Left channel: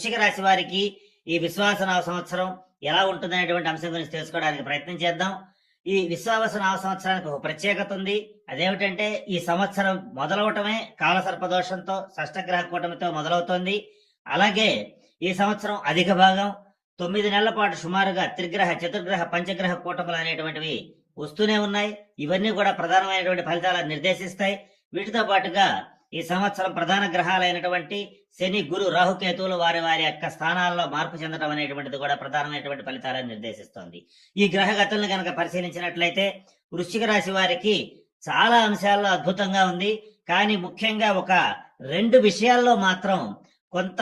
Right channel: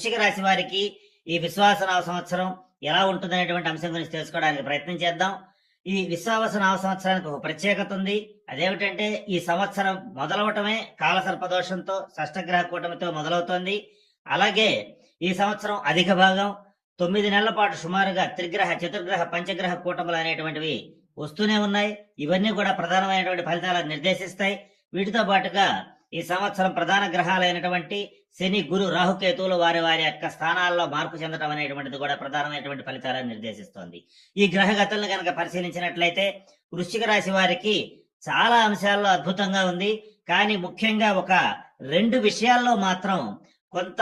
వృశ్చిక రాశి వారికి ఈ విశ్వాసనామ సంవత్సరం ఎలా ఉంటుందనేటువంటి అంశం గురించి తెలుసుకోవడానికి ప్రయత్నం చేద్దాం. ఈ విశ్వాసనామ సంవత్సరానికి ఒక ప్రత్యేకత ఉంది. అదేమిటంటే ఈ సంవత్సరం మొదలవటమే కాలసర్పదోషంతో షష్టగ్రహ కూటమితో మొదలవుతోంది. అలాగే ఈ సంవత్సరం అధిక భాగం తొమ్మిది నెలల పాటు సుమారుగా త్రిగ్రహ చతుర్గ్రహ పంచగ్రహ కూటములు అనేటువంటివి వస్తూనే ఉన్నాయి. ఇవన్నీ కూడా ప్రధానమైనటువంటి ఫలితాలను నిర్దేశిస్తాయి. వీటితో పాటుగా ఈ సంవత్సరం ప్రధాన గ్రహాలైనటువంటి శని గురు రాహుకేతువులు వారి వారి యొక్క స్థానాల్లో మార్పు చెందడం అనేటువంటిది కూడా ప్రధానమైనటువంటి ఫలితాలను నిర్దేశిస్తోంది. ఈ గ్రహగతులను కనుక పరిశీలించినట్లయితే వృశ్చిక రాశి వారికి చాలా అంశాల్లో అద్భుతంగా ఉంది. కానీ ముఖ్యంగా ఒక రెండు విషయాల్లో మాత్రం కొంత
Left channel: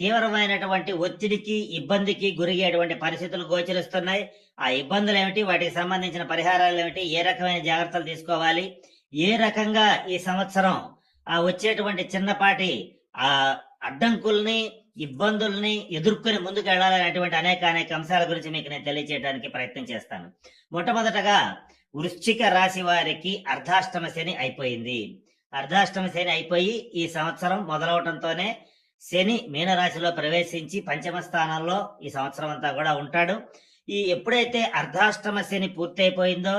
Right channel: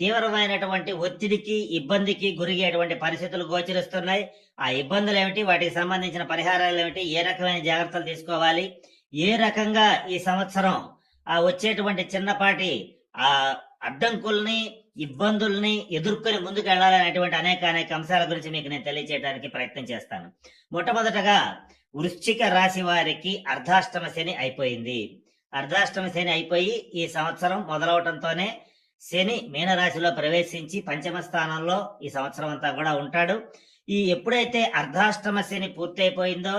తీవ్రమైనటువంటి ఒత్తిడికి ఇబ్బందికి గురయ్యేటువంటి పరిస్థితులు గోచరిస్తున్నాయి. ఆ ఇబ్బందులు ఏమిటి? వాటికి సంబంధించిన పరిహారాలు ఏమిటి? ఏ రకమైన జాగ్రత్తలు తీసుకోవాలి? ఏ రకంగా ఈ సంవత్సరం ఆ వచ్చేటువంటి చిన్నపాటి ఆ అడ్డంకుల్ని ఇబ్బందుల్ని ఎదుర్కొని ముందుకు వెళ్ళాలనేటువంటి అనేక అనేక అంశాల గురించి మీకు నేను తెలియజేయడానికి ప్రయత్నం చేస్తాను. మొట్టమొదటగా వృశ్చిక రాశి వారికి అర్ధాష్టమ శని అయిపోయింది. అర్ధాష్టమ శని అయిపోయి ఈ సంవత్సరం మొదలవటంతోనే శని మీనరాశిలో ప్రవేశించి పంచమ స్థానంలో ఈ సంవత్సరం అంతా కూడా ఉంటాడు. ఈ ఎప్పుడైతే అర్ధాష్టమ శని పూర్తయిపోయిందో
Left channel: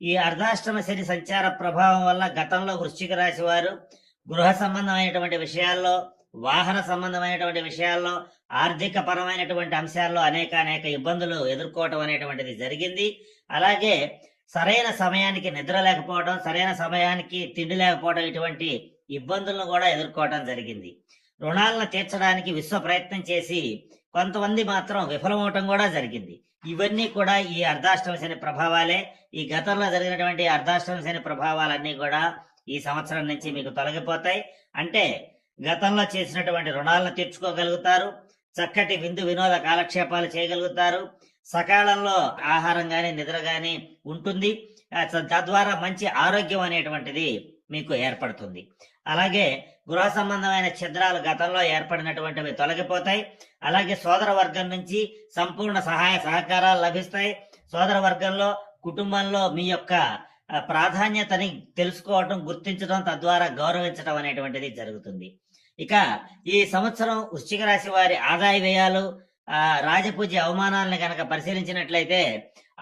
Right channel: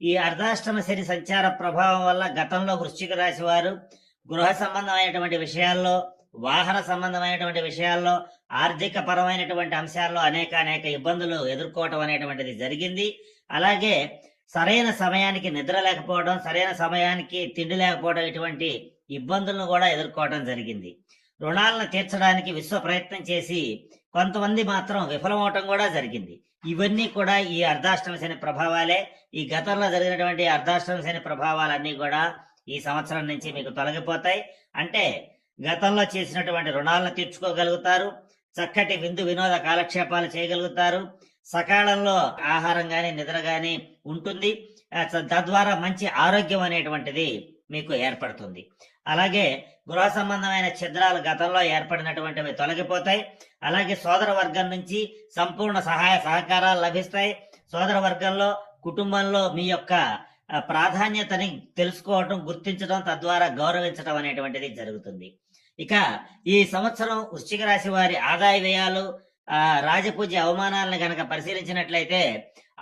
ఈ అర్ధాష్టమ శని సంచార ప్రభావం వల్ల గతంలో వృశ్చిక రాశి వారు గృహ సంబంధమైనటువంటి విషయాల్లో వాహన సంబంధమైనటువంటి విషయాల్లో ఆర్థిక పరమైనటువంటి అంశాల్లో అనేక అనేక ఇబ్బందులు ఎదుర్కోవటం అనేటువంటిది జరిగింది. అలాగే సరైన సమయానికి నిద్ర లేకపోవడం సరైన సమయానికి తిండి లేకపోవడం ఇటువంటి ఇబ్బందులను కూడా ఎదుర్కోవడం జరిగింది. రుణాలను తీర్చడానికి విశ్వ ప్రయత్నం చేసి కొంతమంది మాత్రం విఫలమవటం కూడా జరిగింది. ఇవన్నీ కూడా ఈ అర్ధాష్టమ శని ప్రభావాలే. ఈ గతంలో జరిగినటువంటి అర్ధాష్టమ శని ప్రభావాలన్నీ కూడా ఈ సంవత్సరం నుంచి మీకు తొలగిపోతాయి. అంటే గతంలో చేసినటువంటి రుణాలను తీర్చుకోగలుగుతారు. చక్కటి విందు వినోద కాలక్షేపాలు చేయగలుగుతారు. సకాలంలో ఆహారం గాని నిద్ర గాని ఉంటుంది. తద్వారా మంచి ఆరోగ్యం అనేటువంటిది మీకు ఏర్పడుతుంది. అలాగే గృహ సంబంధమైన ఛిద్రాలు గతంలో ఏర్పడినటువంటివి తొలగిపోతాయి. అలాగే సోదర వర్గం నుంచి సంపూర్ణ సహాయ సహకారాలు లభిస్తాయి. సోదర వర్గంలో కుటుంబంలో మీ యొక్క ప్రాధాన్యతని తెలుసుకోవటం గుర్తించడం తద్వారా గౌరవించడం అనేటువంటిది జరుగుతుంది. ఇక ఈ సంవత్సరం వృశ్చిక రాశి వారి ఆదాయ వ్యయాలు రాజపూజ్య అవమానాలను గనక పరిశీలించినట్లయితే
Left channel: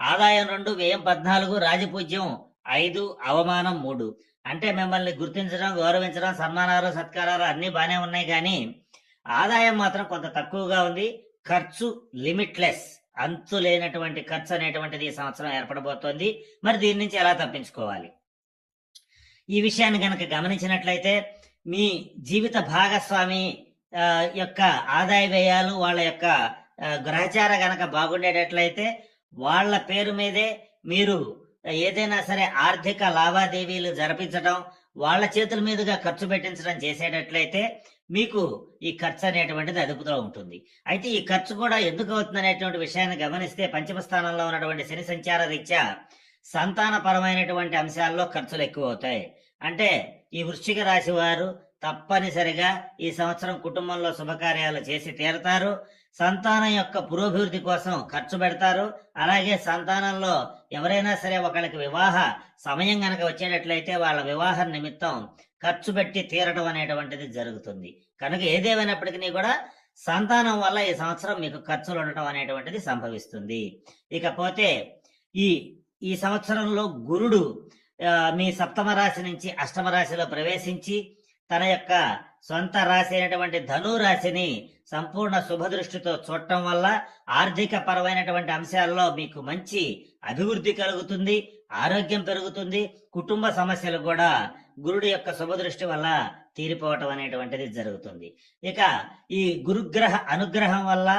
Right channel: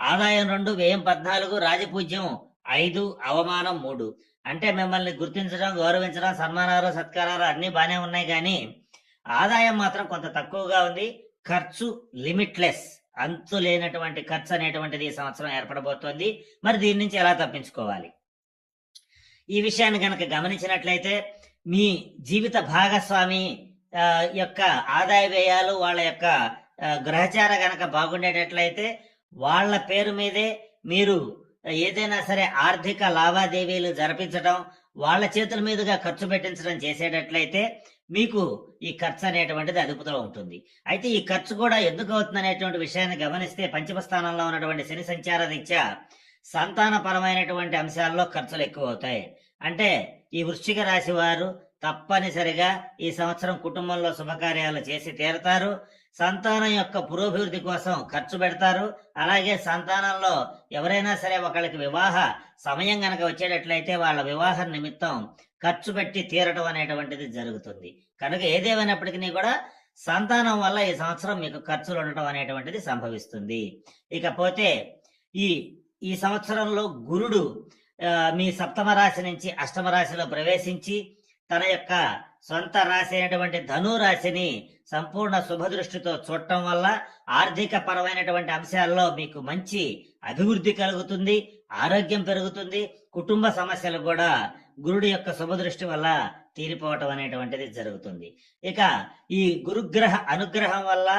ఆదాయం రెండు వ్యయం పద్నాలుగు రాజపూజ్యం ఐదు అవమానం మూడు. అంటే మిమ్మల్ని గుర్తించడం గౌరవించడం సన్మానాలు సత్కారాలు అన్ని బాగానే ఉన్నాయి కానీ ఆదాయం మాత్రం కొంత తక్కువగా ఉంది. ఖర్చు లిమిట్లెస్. అంతు లేనటువంటి ఖర్చు అనేటువంటిది ఈ సంవత్సరం ఏర్పడబోతోంది. మరి దీని నుంచి ఎలా తప్పించుకోవాలి? ఈ విషయాన్ని గనక గమనించినట్లయితే మీ జీవిత భాగస్వామి యొక్క ఆదాయ వ్యయాలు వాళ్ళ యొక్క గ్రహచార గనక బాగుండేటట్లయితే వాళ్ళ పేరు మీదే మీరు ఏదైనా సరే ఆర్థిక లావాదేవీలు జరిపించడం వాళ్ళ చేతుల మీదుగా ఖర్చు పెట్టించడం చేసేటట్లయితే మీకు ఈ ఖర్చు అనేటువంటిది అదుపులో ఉంటుంది. అయితే ఈ ఖర్చు కూడా ఎందుకు అవుతుంది అనేటువంటి విషయాన్ని గమనిస్తే పంచమ స్థానంలో ఉన్నటువంటి శని సంచార రీత్యా సంతానపరమైనటువంటి అంశాల్లో ఖర్చులు ఎక్కువ అవుతాయి. అంటే ఈ వృశ్చిక రాశి వారు తప్పనిసరిగా ఈ సంవత్సరం కుటుంబంలో శుభకార్యాలు చేసి తీరతారు. సంతానం యొక్క పురోభివృద్ధి కోసం ఖర్చు పెడతారు. అలాగే సంతానంలో ఎవరైనా సరే ఒకళ్ళకి వివాహ సమయం గనక వచ్చేటట్లయితే వాళ్ళ వివాహ నిమిత్తం ఖర్చు పెట్టి తీరటం అనేటువంటిది జరుగుతుంది. కనుక ఏదేమైనప్పటికీ కూడా సంతానం వల్ల ఈ సంవత్సరం మీకు ఖర్చులు ఉండటం అనేటువంటిది సంభవిస్తుంది. ఇకపోతే ఈ ఈ సంవత్సరంలో గురుడు మీ సప్తమ రాశి నుంచి అష్టమ రాశిలో ప్రవేశించి తన యొక్క సొంత రాశి అయినటువంటి ధను రాశిని సంపూర్ణ శుభదృష్టితో చూడటం వల్ల ఆర్థిక పరమైనటువంటి అంశాల్లో మీకు మంచి అభివృద్ధి కలుగుతుంది ఆరోగ్యం పెరుగుతుంది కుటుంబ సమస్యలు కూడా గురుడు యొక్క శుభదృష్టి వల్ల తీరిపోవటం అనేటువంటిది జరుగుతుంది. ఇక ఈ గురుగ్రహ అనుగ్రహం వల్ల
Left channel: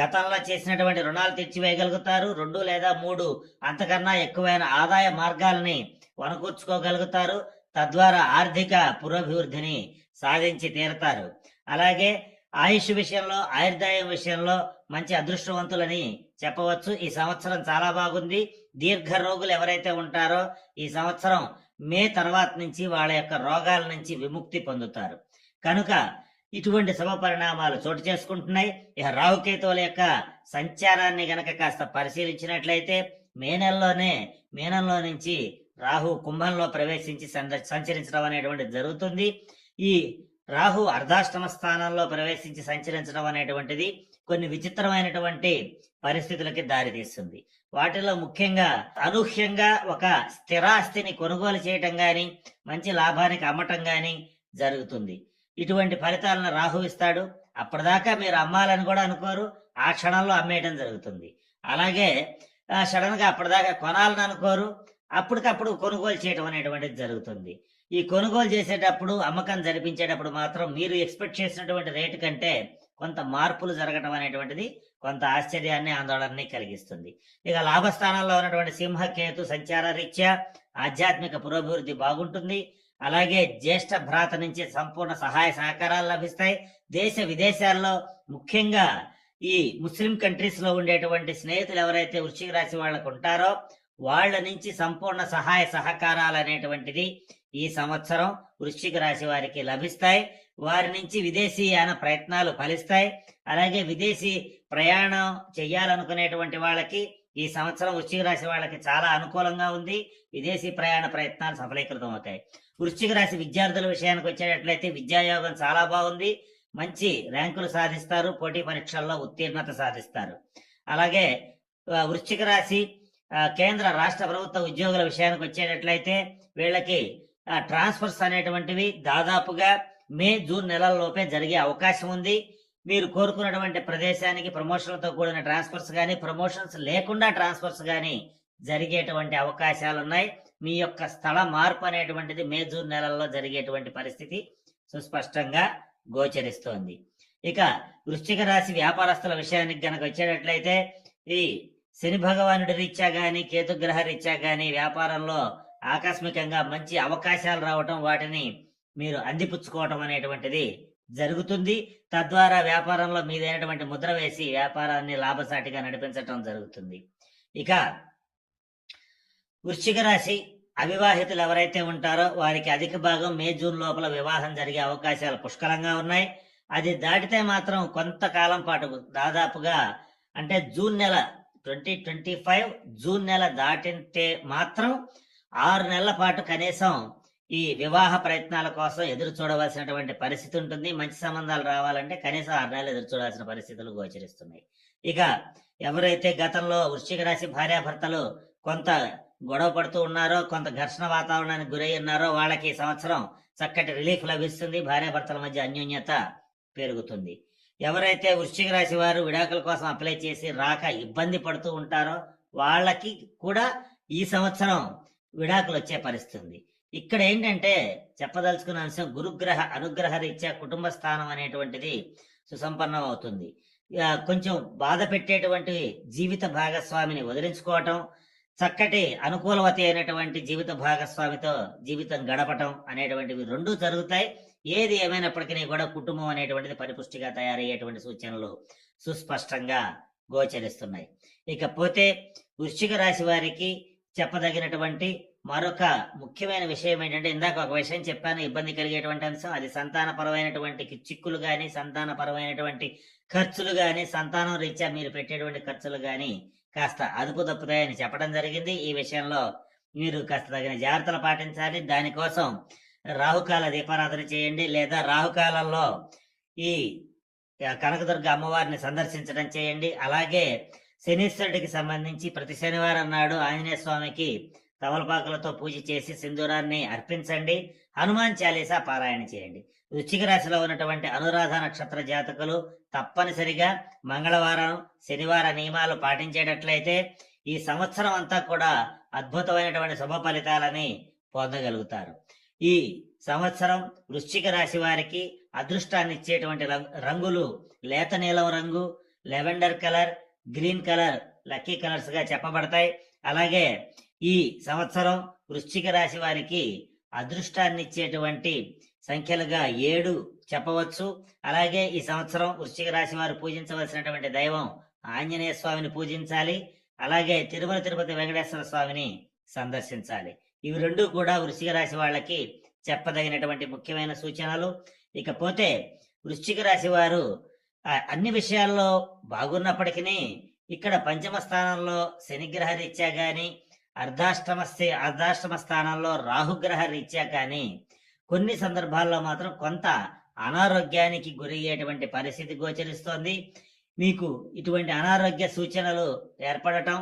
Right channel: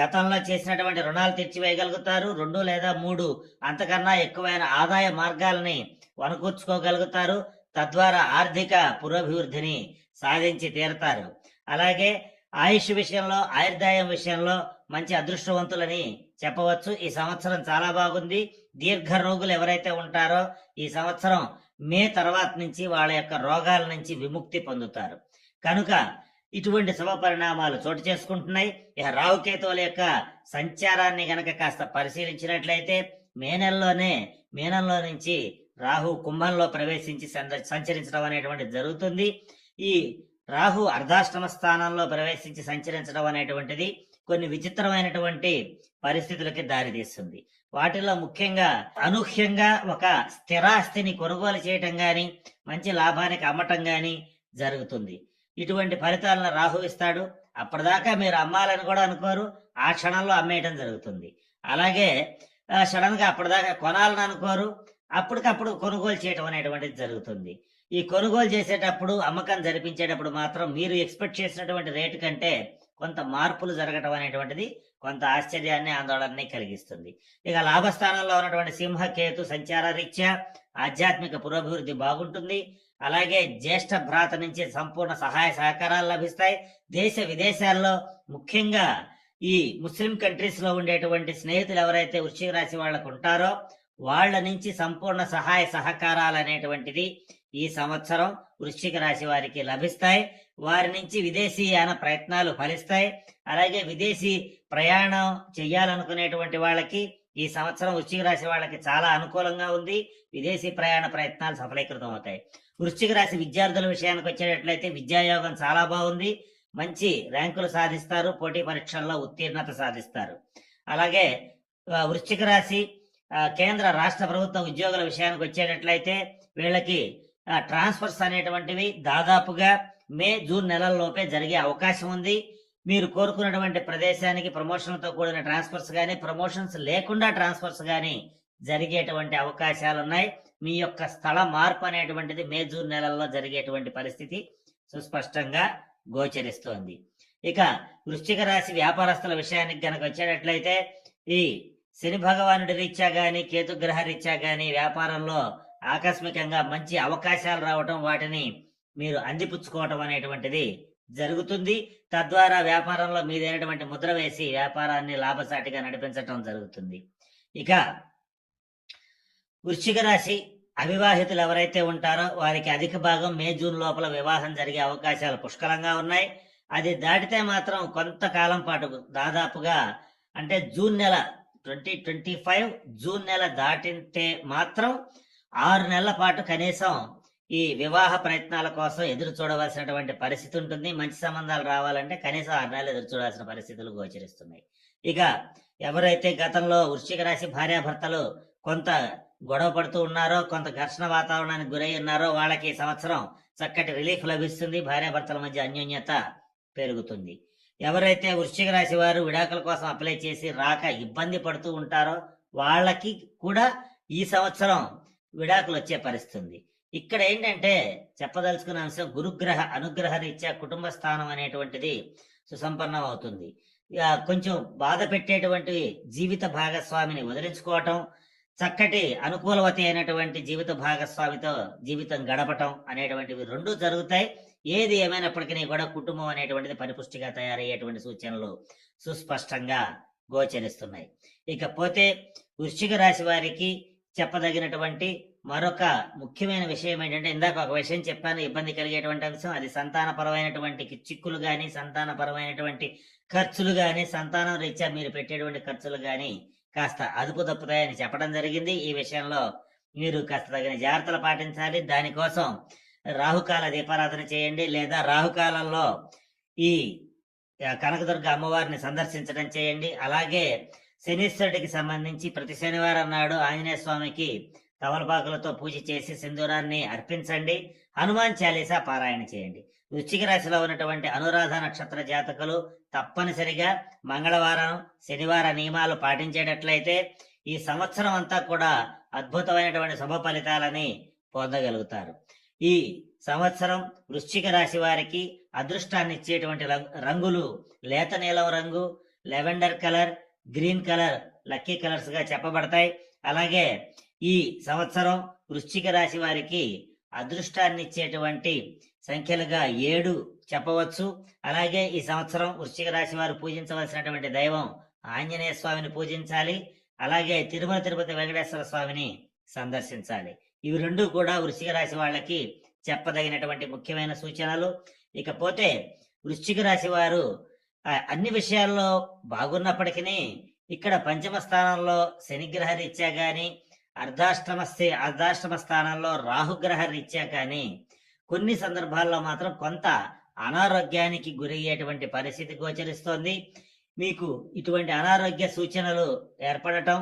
గతంలో చేసినటువంటి రుణాలు తీర్చివేయగలుగుతారు. రెండు లేదా మూడు అంతకన్నా ఎక్కువైన ఆదాయ మార్గాల్ని వనకూర్చుకోగలుగుతారు. తద్వారా ఆర్థిక పురోభివృద్ధిని సాధించి తీరుతారు. అలాగే ఆయుష్ విషయంలో ఆయుర్దాయం విషయంలో మంచి అదృష్టవంతులని చెప్పవచ్చు. ఈ సంవత్సరం చాలా బాగుంది. దీర్ఘ రోగులు ఎవరైతే ఉంటారో ఈ సంవత్సరం మే తర్వాత నుంచి వాళ్ళ యొక్క రోగాల నుంచి విముక్తి పొందుతారు. కనుక ఇటువంటి శుభ పరిణామాలు చోటు చేసుకుంటున్నాయి. ఇక రాహుకేతువుల యొక్క సంచారాన్ని గనక కాస్త పరిశీలించినట్లయితే మే నెలలోనే మీనంలో నుంచి రాహు కుంభంలో ప్రవేశించి సంచరించడం అనేటువంటి జరుగుతుంది. ఈ రాహు అర్ధాష్టమ స్థానంలో ప్రవేశించి సంచరించడం అనేటువంటిది కొన్ని విచిత్రమైనటువంటి పరిస్థితులకి దారితీస్తుంది. వాటిలో ముఖ్యంగా అనూహ్యంగా ఒక స్థిరాస్తిని కొనుగోలు చేయటం గాని మంచి లాభానికి అమ్మటం గాని జరుగుతుంది. ఇటువంటి ఫలితాలను రాహు ఇస్తాడు. అప్పటిదాకా మీరు అమ్మాలని కూడా అనుకోరు. ఆ క్షణంలో అమ్మేయటం జరుగుతుంది. అలాగే సడన్గా అప్పటిదాకా కొనాలని అనుకోరు. అప్పటికప్పుడు కొనుగోలు చేయటం అనేటువంటిది జరుగుతుంది. ఈ కొనుగోలు చేసేటప్పుడు అమ్మకం జరిపించేటప్పుడు మాత్రం మీరు ఎక్స్పెక్ట్ చేసినటువంటి రేటు కంటే కొంత మార్పులు జరగటం అనేటువంటిది కొంత ఆశ్చర్యాన్ని ఆందోళనని కలిగిస్తుంది. ఇక లాభస్థానంలో ఉన్నటువంటి సింహ కేతు సంచార రీత్యా ఆధ్యాత్మిక పురోభివృద్ధి బాగుంటుంది. అలాగే జ్యేష్ఠ భ్రాత నుంచి సంపూర్ణ సహాయ సహకారాలు లభిస్తాయి. దేశ విదేశాల్లో ముఖ్యంగా ఈ ముస్లిం కంట్రీస్లో ఉండేటువంటి స్నేహితులు ఎవరైతే వృశ్చిక రాశి వాళ్ళకు ఉంటారో వాళ్ళ నుంచి సంపూర్ణ సహాయ సహకారాలు అనేటువంటిది ఈ సంవత్సరం వృశ్చిక రాశి వారికి లభిస్తాయి. వారి నుంచి విదేశీయాన ప్రయత్నాలు ఫలిస్తాయి. అలాగే విదేశీ ప్రయాణం చేయాలనుకునేటువంటి వాళ్ళకి ఈ సంవత్సరం వృశ్చిక రాశి వాళ్ళకి చాలా అనుకూలంగా ఉంది. విదేశీ ప్రయాణ ప్రయత్నాలు సఫలీకృతం అవుతాయి. వృశ్చిక రాశి విద్యార్థుల విషయానికి వచ్చేటట్లయితే విద్యాయోగం చాలా బాగుంది. మంచి ర్యాంకులు సాధిస్తారు. పోటీ పరీక్షల్లో ఉత్తీర్ణత సాధిస్తారు. అలాగే వృశ్చిక రాశి కేంద్ర రాష్ట్ర ప్రభుత్వ ఉద్యోగుల విషయానికి వచ్చేటట్లయితే వీళ్ళకి ట్రాన్స్ఫర్స్ అనేటువంటివి దాదాపుగా మే జూన్ నెలల్లోపే జరిగే అవకాశం ఉంది. మీరు కోరుకున్నటువంటి ప్రదేశానికి ప్రమోషన్లతో కూడిన ట్రాన్స్ఫర్స్ కానీ ప్రమోషన్స్ లేకుండా ట్రాన్స్ఫర్స్ కానీ జరిగేటువంటి అవకాశాలు ఉన్నాయి మీ యొక్క స్థల మార్పు అనేటువంటిది మే జూన్ నెలల్లో జరిగేటువంటి పరిస్థితి సుస్పష్టంగా గోచరిస్తోంది. ఇక వృశ్చిక రాశి వ్యాపారస్తుల విషయానికి గనక వచ్చేటట్లయితే ఈ శని భగవానుడి రీత్యా గాని కేతుగ్రహ రీత్యా గాని వ్యాపారంలో ఆకస్మికంగా మంచి అవకాశాలు రావటం వాటిని మీరు అందిపుచ్చుకోవటం అనేటువంటిది జరుగుతుంది. తద్వారా వ్యాపారంలో మీదైనటువంటి ముద్ర వేసి వ్యాపారాన్ని లాభసాటిగా నడిపించటం జరుగుతుంది. ఇక వృశ్చిక రాశి అవివాహితులు ఎవరైతే ఉంటారో వారికి అధిక భాగం మే జూన్ లోపల వివాహం జరిగే అవకాశాలు పుష్కలంగా ఉన్నాయి. అది దాటితే మాత్రం కొంతకాలం పాటు దాదాపుగా అంటే జూన్ నెల ట్వంటీ ట్వంటీ ఫైవ్ జూన్ నెల దాటితే మాత్రం ఆరు నెలల పాటు కనీసం ఈ వివాహ ప్రయత్నాల కోసం ఎదురు చూడవలసినటువంటి పరిస్థితి ఉంటుంది. మంచి సంబంధాలు రావాలంటే కనీసం ఆరు నెలలు ఎదురు చూడాల్సిన పరిస్థితులు గోచరిస్తున్నాయి. ఇక ఎవరైతే గతంలో వృశ్చిక రాశి భార్యాభర్తలు కొంత గొడవ పడుతూ ఉన్నారో కొంత ఘర్షణ వాతావరణానికి గురై ఉన్నారో వాళ్ళకి ఈ సంవత్సరం చక్కటి రిలీఫ్ లభిస్తుంది. భార్యాభర్తల మధ్య అన్యోన్యత పెరుగుతుంది. ఎవరైతే వృశ్చిక రాశి వారు విడాకుల కోసం అప్లై చేసి రాక ఇబ్బంది పడుతూ ఉంటారో వాళ్ళకి కూడా ఈ సంవత్సరం విడాకులు వచ్చే పరిస్థితి ఉంది ఇక్కడ ఏంటంటే చెప్పదలుచుకున్న అంశం గురుగ్రహ అనుగ్రహ రీత్యా కుటుంబ స్థానం అనేటువంటిది సుసంపన్నం అవుతుంది ఇక కొంచెం బాధ పెట్టేటువంటి జీవిత భాగస్వామిని వదిలించుకోవటం చక్కటి అనుకూలవతి అయినటువంటి జీవిత భాగస్వామితో జీవితం గడపటం అనేటువంటివి రెండూ జరుగుతాయి. ఏది ఏమైనప్పటికీ కూడా కుటుంబం అనేటువంటిది పరిపుష్టిగా తయారయ్యేటువంటి సూచనలు సుస్పష్టంగా గోచరిస్తున్నాయి. ఇకపోతే వృశ్చిక రాశి వారికి చెప్పదగినటువంటి మరొక ముఖ్యమైన విషయం ఏంటంటే ఇందాక ఒక విషయం చెప్పాను ఇబ్బంది కలిగేటువంటి అంశం అది సంతానపరమైనటువంటి చిక్కులు కానీ సంతానపరమైనటువంటి ఖర్చులు కానీ సంతానం రీత్యా మీరు పెట్టేటువంటి ఖర్చులు కానీ కాస్త అదుపు తప్పుతాయని చెప్పడం జరిగింది. ఈ విషయంలో మీరు కాస్త తగిన జాగ్రత్తలు పాటించాలి. దానికోసం రాహుకాల దీపారాధన చేయండి లేదా రాహుకాలంలో ఈ కనకదుర్గ అమ్మవారిని సందర్శించడం చేయండి. అలాగే శనీశ్వరుడికి సంబంధించి ప్రతి శనివారం నాడు ఆంజనేయ స్వామికి తవలపాకులతో పూజ చేసి సింధూరాన్ని అర్పించండి. హనుమాన్ చాలీసా పారాయణ చేయండి. వృశ్చిక రాశిలో ఉన్నటువంటి అనురాధ నక్షత్ర జాతకులు తప్పనిసరిగా మంగళవారం శనివార నియమాలు పాటించేటట్లయితే ఈ సంవత్సరం అంతా కూడా అద్భుతమైనటువంటి శుభ ఫలితాలని పొందగలుగుతారు. ఈ సంవత్సరం వృశ్చిక రాశి వారికి అదృష్టాన్ని ఇచ్చేటువంటి రంగులు లేత నీలం రంగు lavender colour green colour lucky కలర్స్గా చెప్పబడతాయి. అలాగే ఈ సంవత్సరం వృశ్చిక రాశి వారికి అదృష్టాన్ని ఇచ్చేటువంటి సంఖ్యలుగా ఏడు చెప్పవచ్చు. అలాగే ఈ సంవత్సరం వృశ్చిక రాశి వారు పూజించవలసినటువంటి దైవం ఆంజనేయ స్వామిని పూజించాలి. అలాగే తిరుమల తిరుపతి వెంకటేశ్వర స్వామిని సందర్శించాలి. ఇవి రెండు కూడా వృశ్చిక రాశి వాళ్ళకి చెప్పదగినటువంటి ముఖ్యమైన సూచనలు. ఇకపోతే వృశ్చిక రాశి వారు అన్ని విషయాల్లో బాగున్నప్పటికీ ఇక్కడ పంచమ స్థానంలో శనిగ్రహ రీత్యా గాని అర్ధాష్టమ అర్ధాష్టమ స్థానంలో రాహుగ్రహ రీత్యా కానీ కొన్ని సందర్భాల్లో మాత్రం కొంత అనారోగ్యానికి గురయ్యేటువంటి పరిస్థితి గోచరిస్తోంది. మీకు ఇటువంటి అనారోగ్య సూచనలు ఏర్పడటం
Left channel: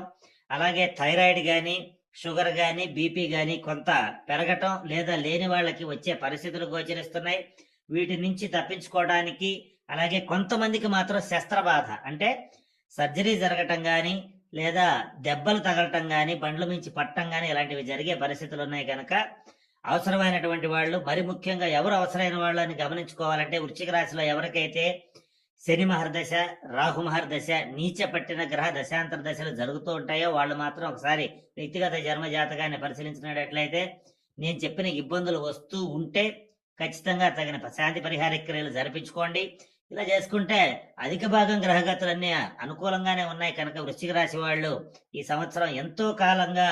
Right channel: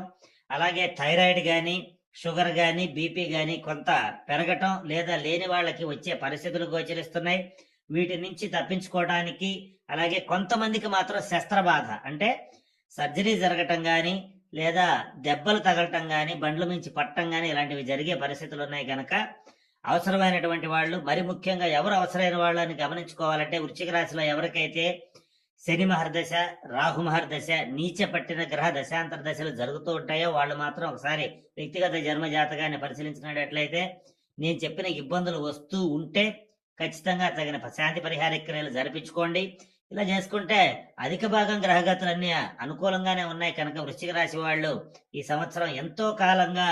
అలాగే థైరాయిడ్ కానీ షుగర్ కానీ బీపీ కానీ కొంత పెరగటం లేదా లేని వాళ్ళకి వచ్చే పరిస్థితులు గోచరిస్తున్నాయి. వీటి నుంచి తప్పించుకోవడానికి అలాగే కొంతమందికి మాత్రం శస్త్రబాధ. అంటే సర్జరీ జరగటం కానీ లేదా దెబ్బలు తగలటం కానీ బండ్ల మించి పట్టడం కానీ ఇలాంటివి జరిగే పరిస్థితులు ఉన్నాయి కనుక అవసరమైనటువంటి వాళ్ళు మరి ముఖ్యంగా ఎవరు అవసరమైన వాళ్ళని గమనించుకోవాలంటే వృశ్చిక రాశిలో ఎవరికైతే శని మహర్దశ రాహు మహర్దశ నీచ పట్టిన గ్రహ దశాంతర దశలు జరుగుతూ ఉంటాయో వాళ్ళు మాత్రం ఒకసారి వ్యక్తిగత జన్మ జాతకాన్ని పరిశీలించినట్లయితే నేను చెప్పిన ఇబ్బందులు వస్తూ ఉంటే ఖచ్చితంగా తగిన శాంతి పరిహార క్రియలు జరిపించుకోండి. ఇలా చేసుకుంటే అధిక భాగం గ్రహగతులన్నీ అనుకూలంగానే ఉన్నాయి. కనుక వృశ్చిక రాశి వాళ్ళు ఈ సంవత్సరం ఎంతో కాలంగా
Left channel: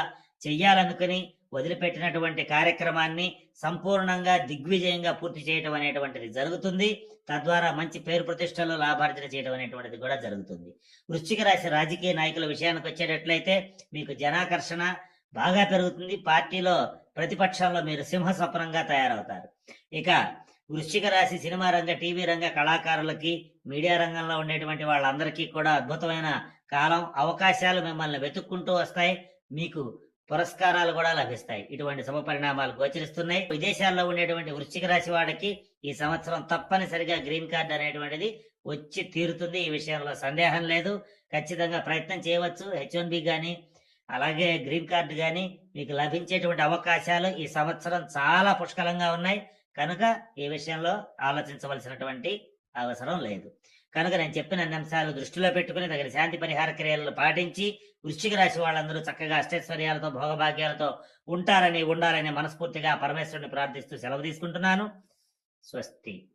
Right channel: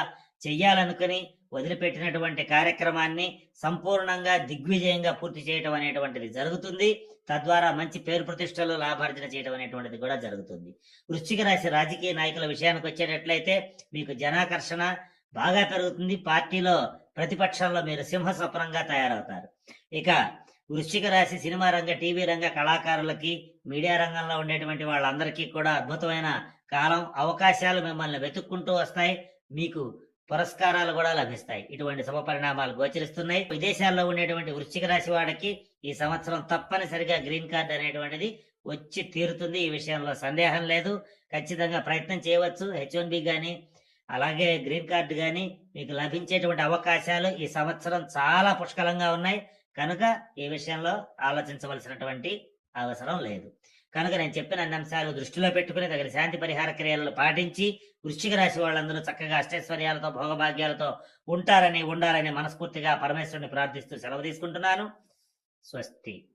చెయ్యాలనుకుని వదిలిపెట్టినటువంటి కార్యక్రమాన్ని సంపూర్ణంగా దిగ్విజయంగా పూర్తి చేయటం అనేటువంటిది జరుగుతుంది. తద్వారా మంచి పేరు ప్రతిష్టలు లాభార్జన చేయడం అనేటువంటిది కూడా జరుగుతుంది. వృశ్చిక రాశి రాజకీయ నాయకుల విషయానికి వచ్చేటట్లయితే మీకు జనాకర్షణ బాగా పెరుగుతుంది. పార్టీలో ప్రతిపక్షాల్లో మీరు సింహ స్వప్నంగా తయారవుతారు. ఇక వృశ్చిక రాశి సినిమా రంగ టీవీ రంగ కళాకారులకి మీడియా రంగంలో ఉండేటువంటి వాళ్ళందరికీ కూడా అద్భుతమైన కాలం అవకాశాలు మిమ్మల్ని వెతుక్కుంటూ వస్తాయి. మీకు పురస్కారాలు కూడా లభిస్తాయి. ఇటువంటి శుభ పరిణామాలు గోచరిస్తున్నాయి. విదేశాల్లో ఉండేటువంటి వృశ్చిక రాశి వాడికి ఈ సంవత్సరం తప్పనిసరిగా గ్రీన్ కార్డ్ అనేటువంటిది వచ్చి తీరుతుంది. ఈ విషయంలో సందేహం లేదు. ఖచ్చితంగా ప్రయత్నం చేయవచ్చు. హెచ్ వన్ బి కానీ అలాగే గ్రీన్ కార్డు కానీ మీకు లభించేటువంటి అవకాశాలు ఈ సంవత్సరం చాలా పుష్కలంగా ఉన్నాయి. కనుక ఈ విషయంలో ఆలోచించవలసినటువంటి అవసరం లేదు. కనుక నేను చెప్పిన అన్ని అంశాలు దృష్టిలో పెట్టుకుని తగిన శాంతి పరిహార క్రియలను పాటించి వృశ్చిక రాశి వాళ్ళందరూ చక్కగా అష్టైశ్వర్యాలతో భోగభాగ్యాలతో ఉంటారని ఉండాలని మనస్ఫూర్తిగా పరమేశ్వరుని ప్రార్థిస్తూ సెలవు తీసుకుంటున్నాను. స్వస్తి.